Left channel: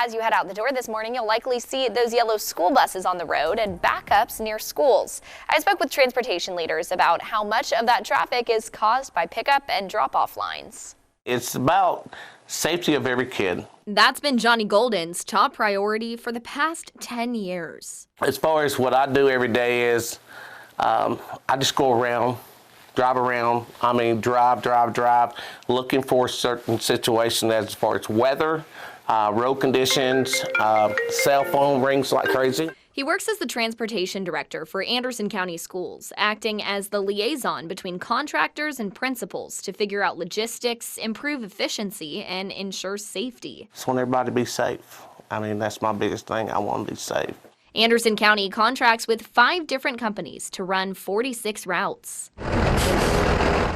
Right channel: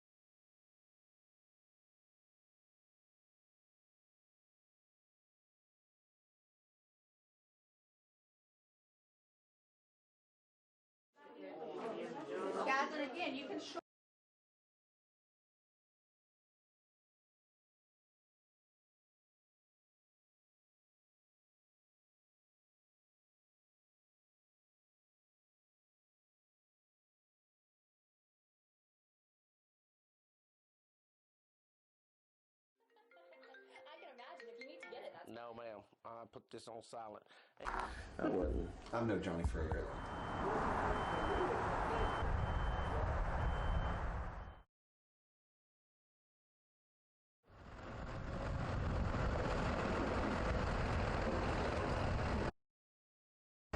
As you head out the door this morning, you'll likely see those yellow school buses on the road and backups near schools. I spoke with transportation leaders about how much of that traffic is caused by pickup and drop-off lines. It's about safety of every kid. That's been Johnny Golden's top priority for the past 10 years. As far as what I do every day is, I just go around, drive, looking for certain situations as far as weather, road conditions, cell phone rings like crazy. He works as the transportation director for Anderson County Schools, acting as the liaison between contractors and principals to figure out logistics, improve efficiency, and ensure safety. Just want everybody to be safe. I mean, that's my biggest thing. I want to be safe. Anderson County contracts with 5 different companies to run 46 routes.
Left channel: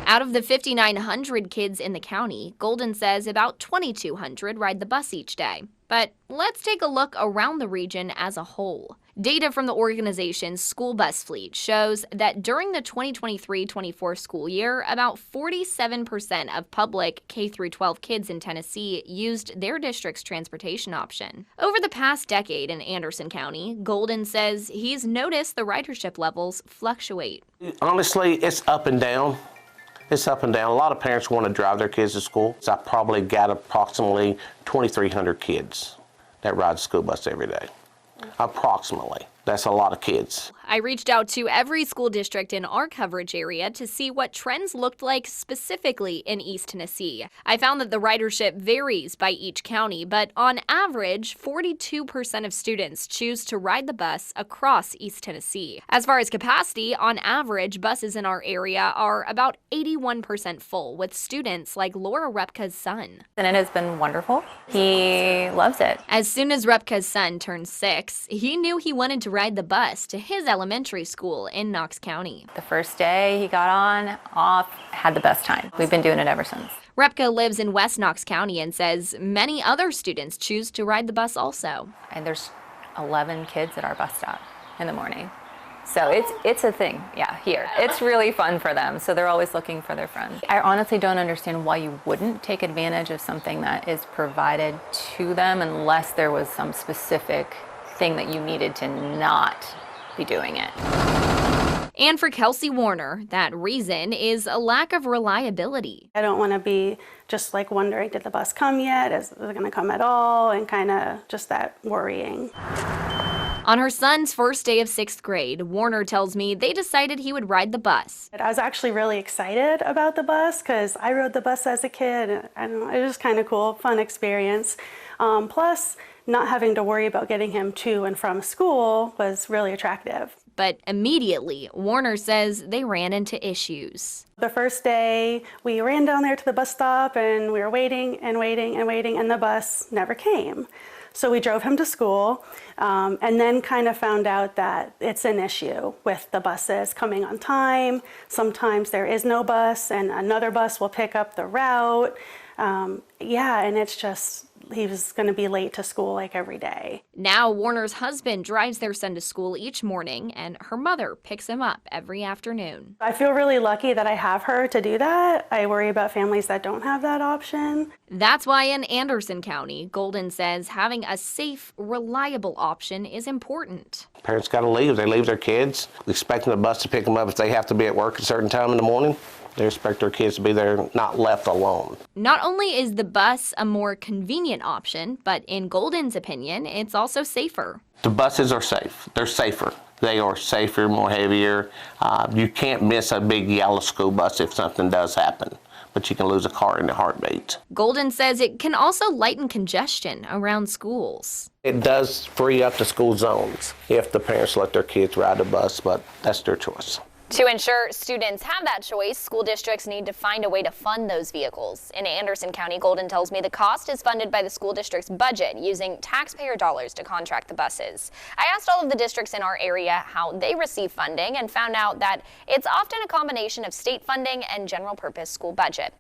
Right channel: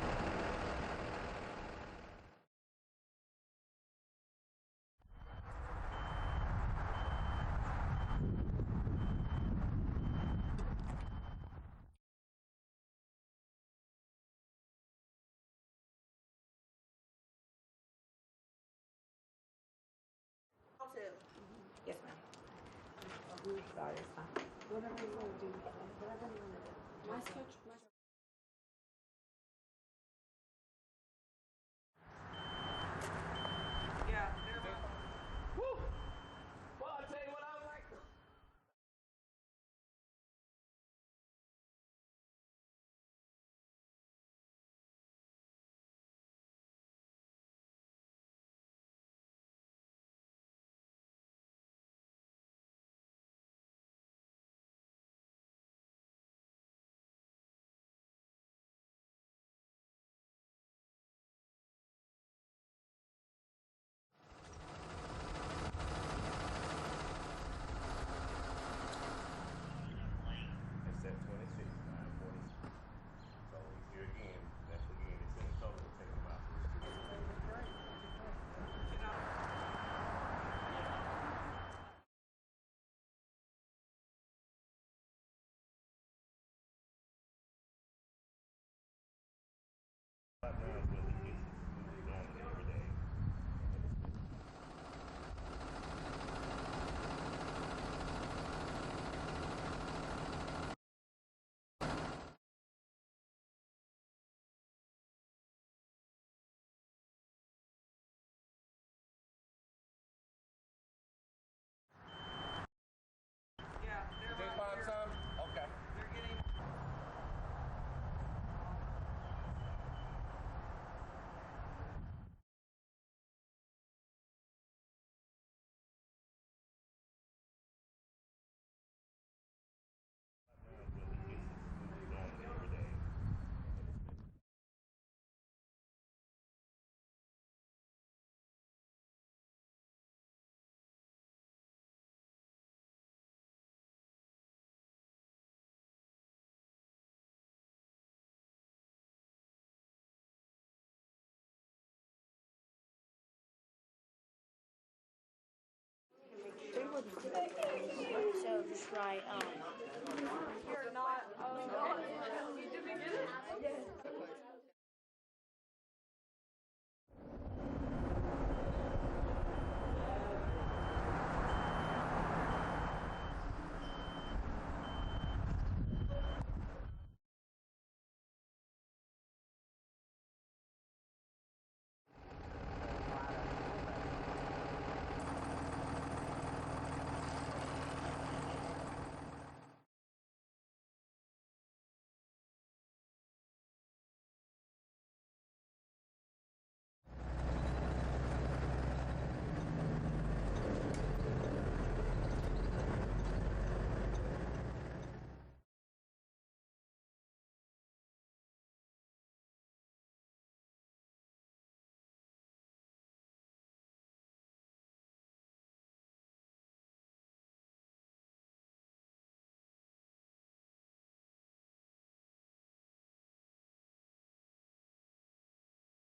Out of the 5,900 kids in the county, Golden says about 2,200 ride the bus each day. But let's take a look around the region as a whole. Data from the organization's school bus fleet shows that during the 2023-24 school year, about 47% of public K-12 kids in Tennessee used their district's transportation option. Over the past decade in Anderson County, Golden says he's noticed the ridership levels fluctuate. Honestly, it's up and down. It's up and down. A lot of parents want to drive their kids to school. So I probably got approximately 2,300 kids that ride the school bus every day. Approximately. That's a lot of kids. I reached out to every school district in our coverage area to see what trends looked like specifically in East Tennessee. I found that the ridership varies by each county, but on average, 42% of students choose to ride the bus across East Tennessee. As far as capacity, on average, buses in our area are about 81% full, with students like Laura Repka's son. And it has been wonderful. He loves it. As soon as Repka's son turned 6, he knew he wanted to ride the bus to his elementary school in Knox County. The first day he got on, off, had the best time. We've been doing it ever since. Repka lives in West Knox County and says many other students choose to ride the bus also. And there's 11 kids at our bus stop in the morning. So it's a thing, yeah, here. It's really fun for them, so they're always looking for their friends. I honestly don't understand why you wouldn't take advantage of something that is provided to them unless there was some specific thing that you needed to not be doing it. And for Kelsey Warner, that reason is a lack of reliability. I don't want to be just like wondering, did the bus come yet? Is it going to come at all? And kind of just that worrying. On her son's first day of 6th grade, Warner tells me they decided he would ride the bus. I was actually really excited about the bus because I rode the bus as a kid. And it was kind of cool, fun experience. Plus, not having to worry about getting him to and from school was really attractive. But immediately, Warner says they ran into issues. The first day, we ran down there to the bus stop and we were waiting and waiting and waiting, and the bus never came. So we drove him to school and then kind of found out that it's an issue with the buses coming on time. Sometimes there is no bus and another bus will pick up the route. And it's just, he was going to be late to school like every day. Now Warner's husband drives their son to school each morning and her mother picks him up every afternoon. I feel really lucky that I have her to do that. I worry about families that don't have that option. That's why in Anderson County, Golden says having a safe, reliable option is important. Parents got to leave. They leave their kids, expecting the bus to pick them up if they have to be at work at a certain time in the morning. They expect their kids to be there, not left alone. Not only is the bus a more convenient option, but in Golden's opinion, it's also safer. The buses are safe. They're safer. They are safer, more heavier. You can't miss a big yellow school bus if something does happen, but you can lose a car in a heartbeat. Golden says it can also lighten congestion around schools. It does free up the school zones if the parents let their kids ride the bus, but that's their choice. To ensure students have that choice, school districts need to find a way to fund those vehicles. In Anderson County, Golden tells me the cost is funded by the school district's budget using taxpayer dollars to contract the buses. I asked all of the districts in our area how they receive funding and found out that it's often a combination of state funding and general purpose school budget.